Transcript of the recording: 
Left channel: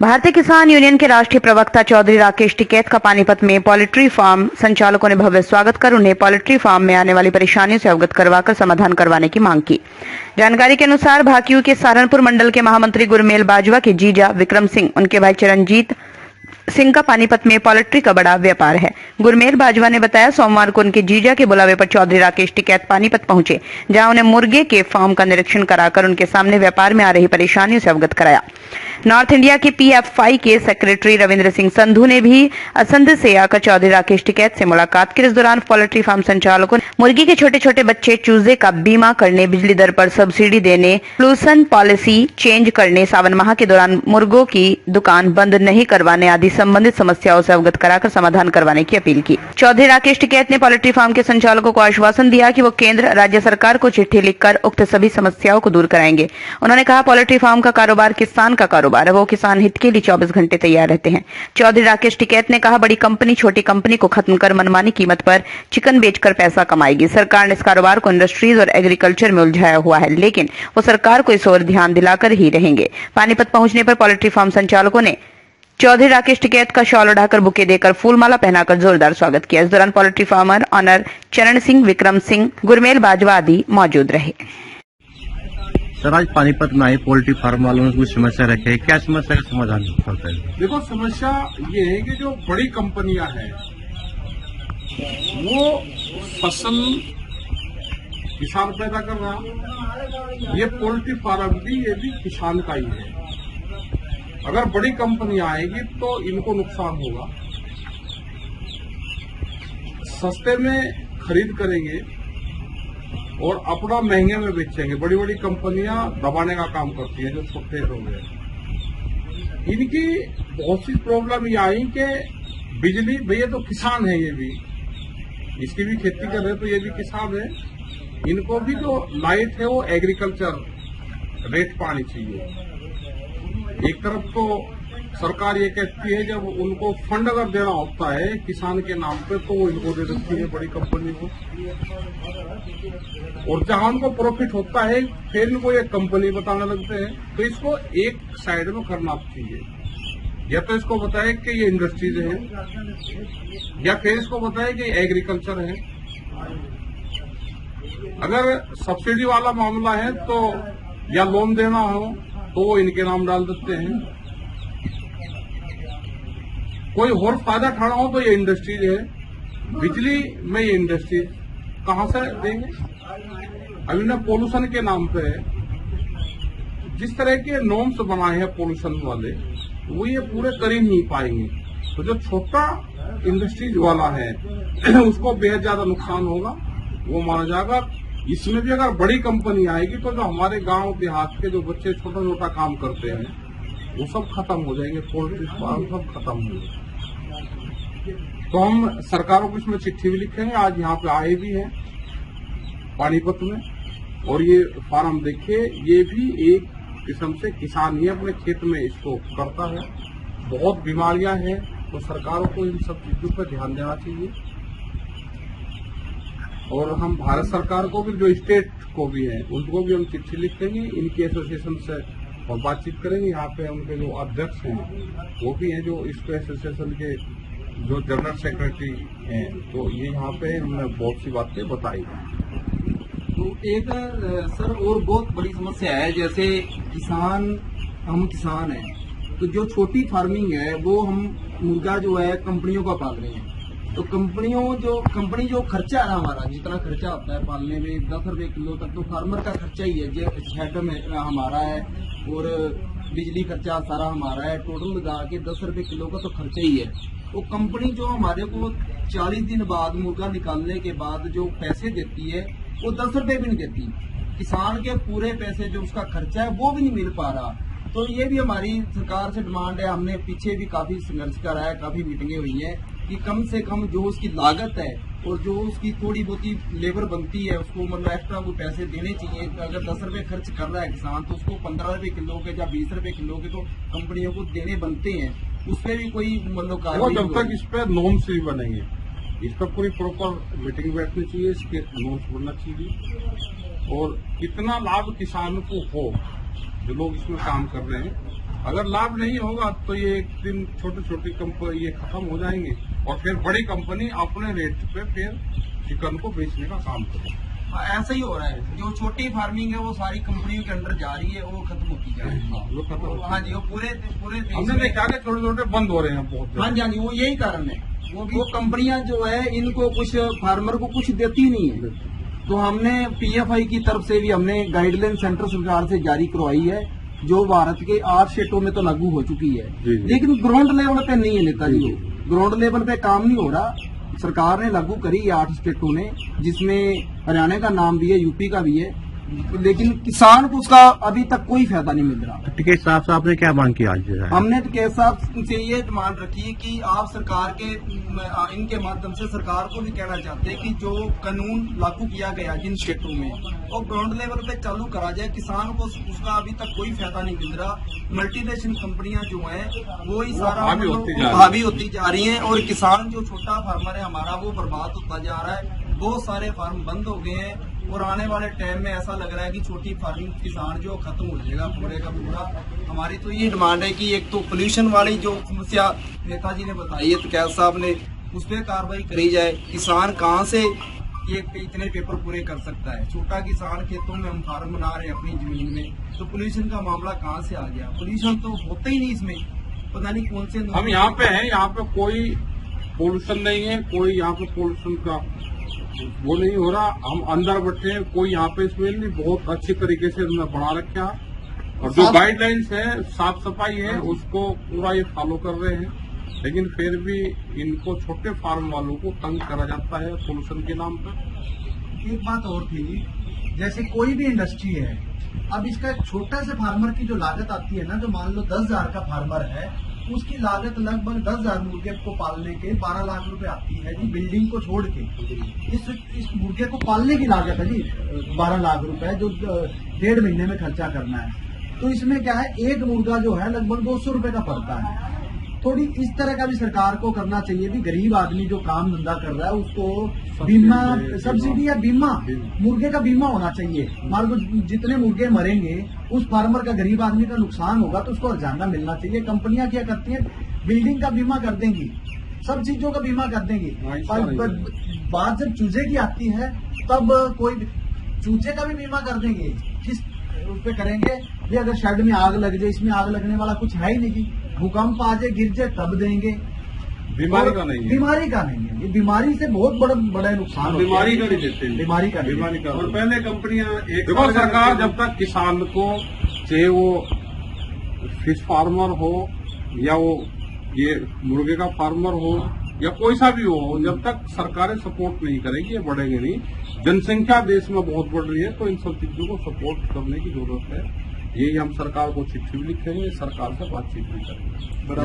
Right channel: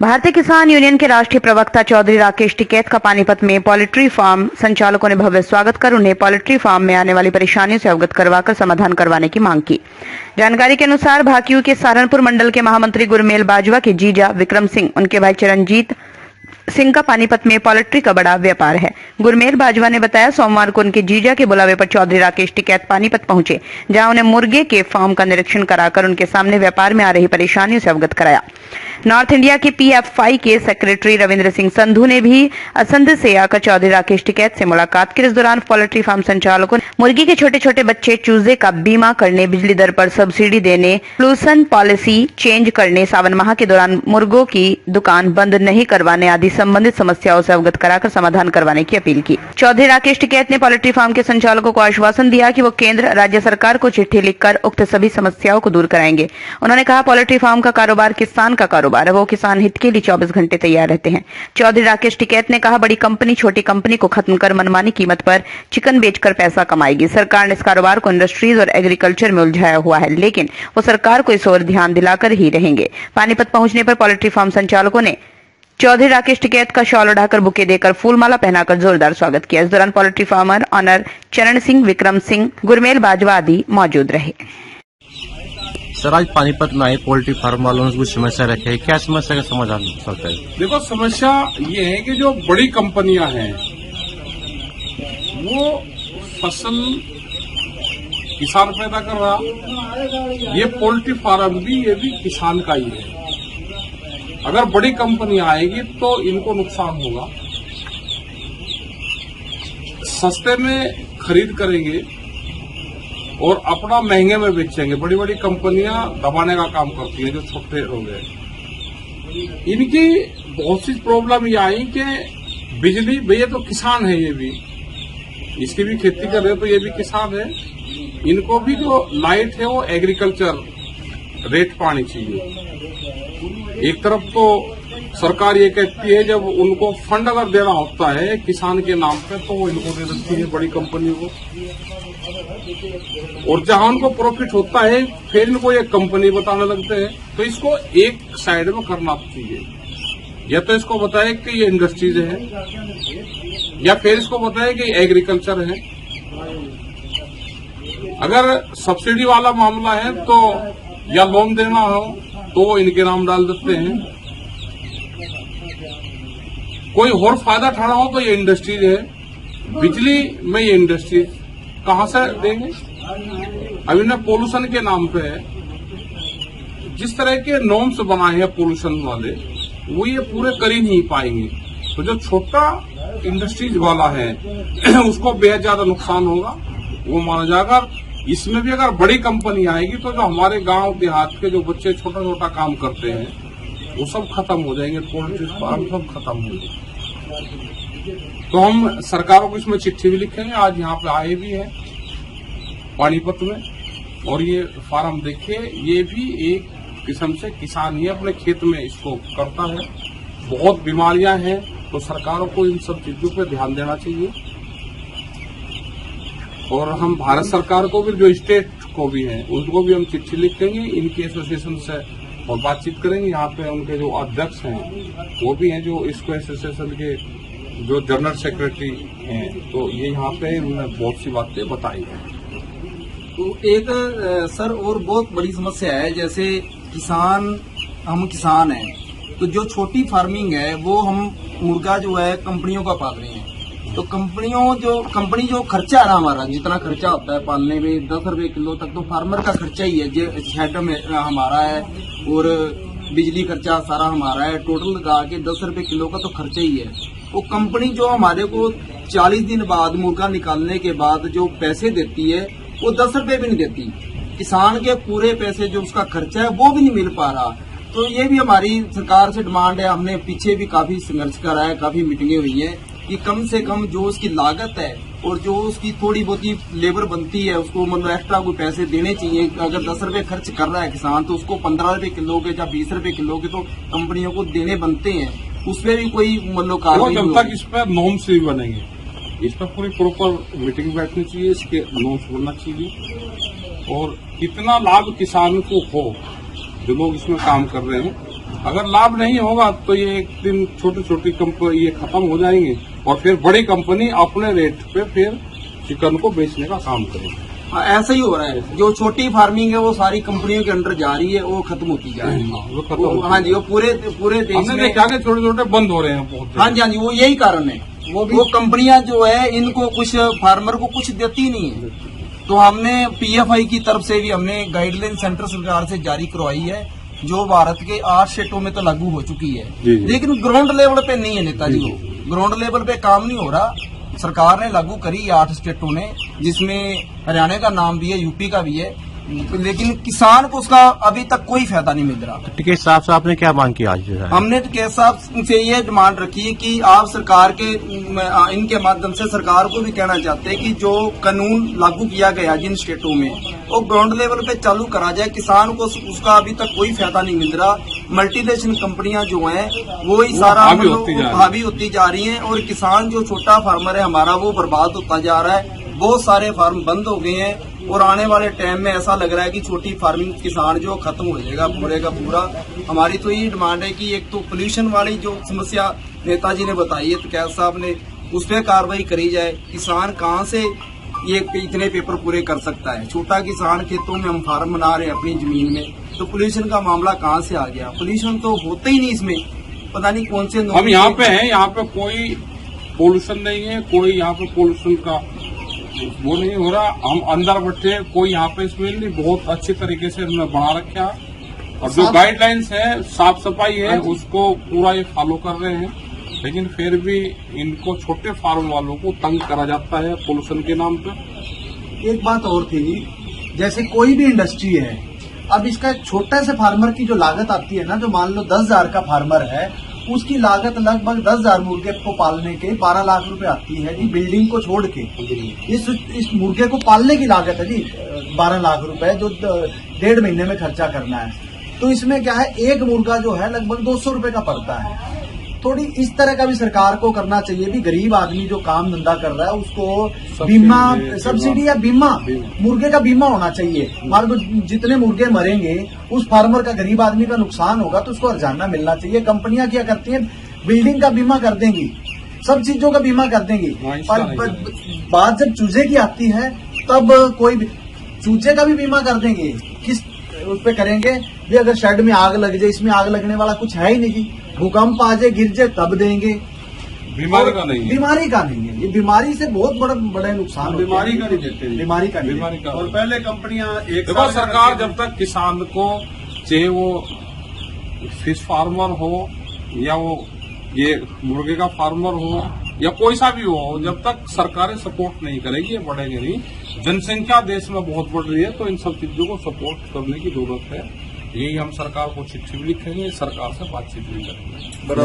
भारतीय किसान यूनियन के राष्ट्रीय प्रवक्ता चौधरी राकेश टिकैत का पानीपत में पोल्ट्री फार्म संचालकों ने भव्य स्वागत कर उन्हें पोल्ट्री फार्म में आने वाली परेशानियों से अवगत करवाकर समाधान करवाने की मांग की। जानकारी के अनुसार भाकियू के सहारनपुर मंडल के महामंत्री गुरमेल बाजवा के जीजा विक्रम सिंह, उनके भाई चरणजीत सिंह का पानीपत में पोल्ट्री का बड़ा व्यापार है। गुरमेल बाजवा ने बताया, सोमवार को उनके जीजा के बुलावे पर चौधरी राकेश टिकैत पानीपत पहुंचे, जहां उन्हें मुर्गे के फार्म का निरीक्षण कराकर उनके सामने व्यापार में आ रही परेशानियों से अवगत कराया। नॉर्थ इंडिया के पीएफआई के सेक्रेटरी रविंद्र सिंह संधू ने भी असंध से आकर चौधरी राकेश टिकैत से मुलाकात की। इस दौरान पोल्ट्री फार्म संचालकों ने मुर्गी के छोटे छोटे बच्चे चूजे का बीमा करने, बिजली दर पर सब्सिडी देने, पोल्यूशन पॉलिसी चेंज करने, सावन माह के दौरान मुर्गों की दुकान बंद नहीं करवाने आदि संबंधित समस्याओं से अवगत कराकर समाधान करवाने की अपील की। चौधरी राकेश टिकैत ने पोल्ट्री फार्म के संचालकों को आश्वासन दिया कि वो केंद्र राज्य सरकार को चिट्ठी लिखकर उक्त सभी समस्याओं को दूर कराएंगे। उन्होंने कहा, पोल्ट्री फार्म का कारोबार किसान का कारोबार है, वो किसान हित के लिए 24 घंटे तैयार रहते हैं। चौधरी राकेश टिकैत ने कहा, बड़ी कंपनी छोटी कंपनी को खत्म कर मनमानी कीमत पर चिकन बेचकर पैसा कमाएगी। सरकार ने इस कारोबार को इंडस्ट्रीज और एग्रीकल्चर में उलझाया हुआ है, लेकिन वो सरकार को इस ओर ध्यान दिलाकर ही रहेंगे। पानीपत पहुंचने पर पोल्ट्री फार्म संचालकों ने चौधरी राकेश टिकैत का शॉल उड़ाकर, बुके देकर, फूलमाला पहनाकर जोरदार स्वागत किया। इस दौरान पोल्ट्री फार्मर ऑनर चरण सिंह, विक्रम सिंह, गुरमेल बाजवा आदि मौजूद रहे। सर, आज पानीपत में आए पोल्ट्री फार्म वालों ने कुछ समस्या रखे, क्या समस्या का समाधान हो सकता है? देखो, समस्या ये है कि जो बड़ी कंपनियां हैं वो फसल किसान पैदा कर रहा, ये पोल्ट्री फार्म भी ये भी किसान का ही है। अगर बड़ी कंपनियां आएगी तो इनको नुकसान होगा, सस्ते में खरीद करेंगे और अपना महंगे में बेचेंगे। बड़ी बड़ी कंपनियां दबाने का काम करती हैं जो छोटे लोग हैं। इनकी बहुत सी प्रॉब्लम ये आई कि बिजली, भैया तो किसान है, ये भी इसकी भी खेती कर रहे तो ये भी किसान है, इनको भी जो लाइट है वो एग्रीकल्चर रेट पानी चाहिए। एक तरफ तो सरकार ये कहती है जब उनको फंड अगर देना होता है किसान के नाम पे तो वो इनको दे देती है बड़ी कंपनी को, और जहां उनको प्रॉफिट होता है फिर इनको एक कंपनी बताने लगते हैं। तो इसको एक साइड में करना चाहिए, या तो इसको बताए कि ये इंडस्ट्रीज है, या फिर इसको बताए कि एग्रीकल्चर है। अगर सब्सिडी वाला मामला है तो या लोन देना हो तो इनके नाम डाल देते हैं, कोई और फायदा उठाना हो तो ये इंडस्ट्रीज है, बिजली में ये इंडस्ट्रीज कहां से देंगे? अब इन्हें पोल्यूशन के नाम पे जिस तरह के नॉर्म्स बनाए हैं पोल्यूशन वाले, वो ये पूरे कर ही नहीं पाएंगे। तो जो छोटा इंडस्ट्रीज वाला है उसको बेहद ज्यादा नुकसान होगा, वो माना जाएगा। इसमें भी अगर बड़ी कंपनी आएगी तो जो हमारे गांव देहात के जो बच्चे छोटा छोटा काम करते हैं वो सब खत्म हो जाएंगे, पोल्ट्री फार्म सब खत्म हो जाएंगे। तो हम सरकारों को इसमें चिट्ठी भी लिखेंगे, आज यहाँ पे आए भी हैं पानीपत में, और ये फार्म देखिए, ये भी एक किस्म से किसान ही अपने खेत में इसको करता है। बहुत बीमारियां हैं, तो सरकारों को इन सब चीजों पर ध्यान देना चाहिए। और हम भारत सरकार को भी, जो स्टेट को भी है, उनको भी हम चिट्ठी लिखेंगे, इनकी एसोसिएशन से और बातचीत करेंगे। यहाँ पे उनके जो अध्यक्ष हैं वो भी हैं, जो इसको एसोसिएशन के जो जनरल सेक्रेटरी हैं, तो ये यहाँ पे उन्होंने बहुत सी बातें बताई। तो एक सर और बहुत बड़ी समस्या है, जैसे हम किसान हैं, तो जो छोटी फार्मिंग है वो हम मुर्गा जो है कंपनियों का पाल रहे हैं। तो कंपनी जो खर्चा है हमारा, जितना खर्चा होता है पालने में 10 रुपए किलो तक, तो फार्मर का खर्चा ही है, जो शेड में हमारा है, और बिजली खर्चा सारा हमारा है, टोटल लगा के 10 रुपए किलो का तो खर्चा ही है। वो कंपनी जो हमारे को 40 दिन बाद मुर्गा निकालने के बाद जो पैसे देती है वो 10 रुपए भी नहीं देती। किसान के पूरे पैसे जो उसका खर्चा है वो भी नहीं मिल पा रहा। तो ये भी हमारी सरकार से डिमांड है। हमने पीछे भी काफी संघर्ष करा है, काफी मीटिंगें हुई है कि कम से कम जो उसकी लागत है और जो उसकी थोड़ी बहुत लेबर बनती है उसको मतलब एक्स्ट्रा कोई पैसे देने चाहिए। अगर 10 रुपए खर्च कर रहा है किसान तो उसको 15 रुपए किलो के या 20 रुपए किलो के तो कंपनियों को देने बनते हैं। उस पर भी कोई मतलब कार्रवाई जब तक इस पर नॉर्म्स भी बनेंगे, इस पर पूरी प्रॉपर मीटिंग बैठनी चाहिए, इसके नॉर्म्स बनना चाहिए, और कितना लाभ किसान को हो जो लोग इसमें काम कर रहे हैं। अगर लाभ नहीं होगा तो ये एक दिन छोटी छोटी कंपनी ये खत्म हो जाएंगे और फिर बड़ी कंपनी अपने रेट पे फिर चिकन को बेचने का काम करेगी। हाँ, ऐसा ही हो रहा है। जो छोटी फार्मिंग है वो सारी कंपनियों के अंडर जा रही है, वो खत्म होती जा रही है। वो खत्म होती हाँ जी, वो पूरे देश हमने में। देखा कि छोटे छोटे बंद हो रहे हैं बहुत। हाँ जी, हाँ जी, वो यही कारण है। वो कंपनियां जो है इनको कुछ फार्मर को कुछ देती नहीं है। तो हमने पीएफआई की तरफ से भी हमने गाइडलाइन सेंटर सरकार से जारी करवाई है, जो भारत के 8 स्टेटों में तो लागू हो चुकी है। लेकिन ग्राउंड लेवल पे नहीं है नेताजी, वो ग्राउंड लेवल पे काम नहीं हो रहा। सरकार ने लागू करी है 8 स्टेटों ने, जिसमें हरियाणा का नाम भी है, यूपी का भी है, लेकिन किसान को उसका अभी तक कोई फायदा नहीं मिल रहा। टिकैत साहब से आपने क्या मांग की आज जो है? हमने टिकैत साहब से ये डिमांड रखी कि आप सरकार के इनके माध्यम से सरकार को भी कहना चाहते हैं कि जो कानून लागू किया गया जिन स्टेटों में, वो ग्राउंड लेवल पे चालू करा जाए। किसान को उसका अभी तक कोई फायदा नहीं मिल रहा। मल्टीनेशनल कंपनियां जो हैं वो ही सारा हावी होती जा रही हैं, और किसान जो छोटा फार्मर है हमारा वो बर्बाद होता जा रहा है। बहुत सारे फार्म बंद हो गए हैं, और आने वाले टाइम में ऐसा लग रहा है कि छोटी फार्मिंग किसान जो खत्म हो जाएगा पूरे का पूरा। हमारी तो ये डिमांड है कि एक तो पोल्यूशन वाली जो समस्या नेताजी ने बताई है टिकैत साहब ने, उस पर कार्रवाई करी जाए। किसान कहाँ से ये इतने पेपर पूरे कर सकता है? छोटा किसान, खेतों में हम फार्म बना रहे हैं अपनी जमीन में, तो पोल्यूशन का मामला कहाँ से आ गया? पोल्यूशन तो होता ही नहीं इसमें, पता नहीं कौन से। हम यहाँ पे हैं, यहाँ पे कोई पोल्यूशन नहीं है, कोई यहाँ पे पोल्यूशन का वो नहीं हो रहा। हम अंदर बैठे, कोई यहाँ पे इसमें नहीं, बहुत अच्छे तरीके से उन्होंने बना रखा है, और जो गाइडलाइंस है, साफ सफाई है, उसको पूरा ये फॉलो कर रहे हैं। लेकिन फिर भी इनको छोटे फार्म वालों को तंग करा जाता है पोल्यूशन के नाम पे। एक बात और थी, जैसे कोई भी इंडस्ट्री है, अब इसका एक छोटे से फार्मर की जो लागत आती है ना, जो मान लो 10,000 का फार्मर है, उसकी लागत लगभग 10,000 मुर्गे को पालने के 12 लाख रुपए आती है जी, बिल्डिंग को छोड़ के। इस मुर्गे को पालने की लागत है जी 12 लाख रुपए, जो 1.5 महीने में खर्चा करना है। तो इसमें क्या है, एक मुर्गा जो है लगभग 200 रुपए का पड़ता है। थोड़ी इस तरह का भी सरकार को करना चाहिए भी, गरीब आदमी जो काम धंधा कर रहा है उसको बीमा, सब्सिडी या बीमा, मुर्गे का बीमा होना चाहिए। मान लो जितने मुर्गे मरेंगे उस फार्मर का, गरीब आदमी का नुकसान होगा तो उसको हर्जाना मिलना चाहिए। कंपनियां क्या करती हैं, बिल्डिंग का बीमा कर देंगी, सब चीजों का बीमा कर देंगी, पर बात जब चूजे की आती है तब कोई चूजे का भी बीमा कर देंगे। किस उस पे करेंगे भी? अगर शेड में आग लग जाए, इसमें आग लगने वाला कुछ है ही नहीं जी। भूकंप आ जाए, गिर जाए, तब देंगे। बीमारी का नहीं है, बीमारी का नहीं है, ये बीमारी से बहुत बड़े नुकसान होते हैं। बीमारी का नहीं देते, बीमारी का नहीं। बीमारी का। और पहले कंपनियां देखो, सरकार जब तक किसान को, चाहे वो फिश फार्मर हो या वो ये मुर्गे का फार्मर हो या कोई सा भी हो, जब तक सरकारें सपोर्ट नहीं करेगी ये बढ़ेगा नहीं। जनसंख्या देश में बहुत बढ़ रही है, तो इन सब चीजों को सपोर्ट करने की जरूरत है। यही हम सरकार को चिट्ठी भी लिखेंगे, सरकार से बातचीत भी करेंगे। बराबर।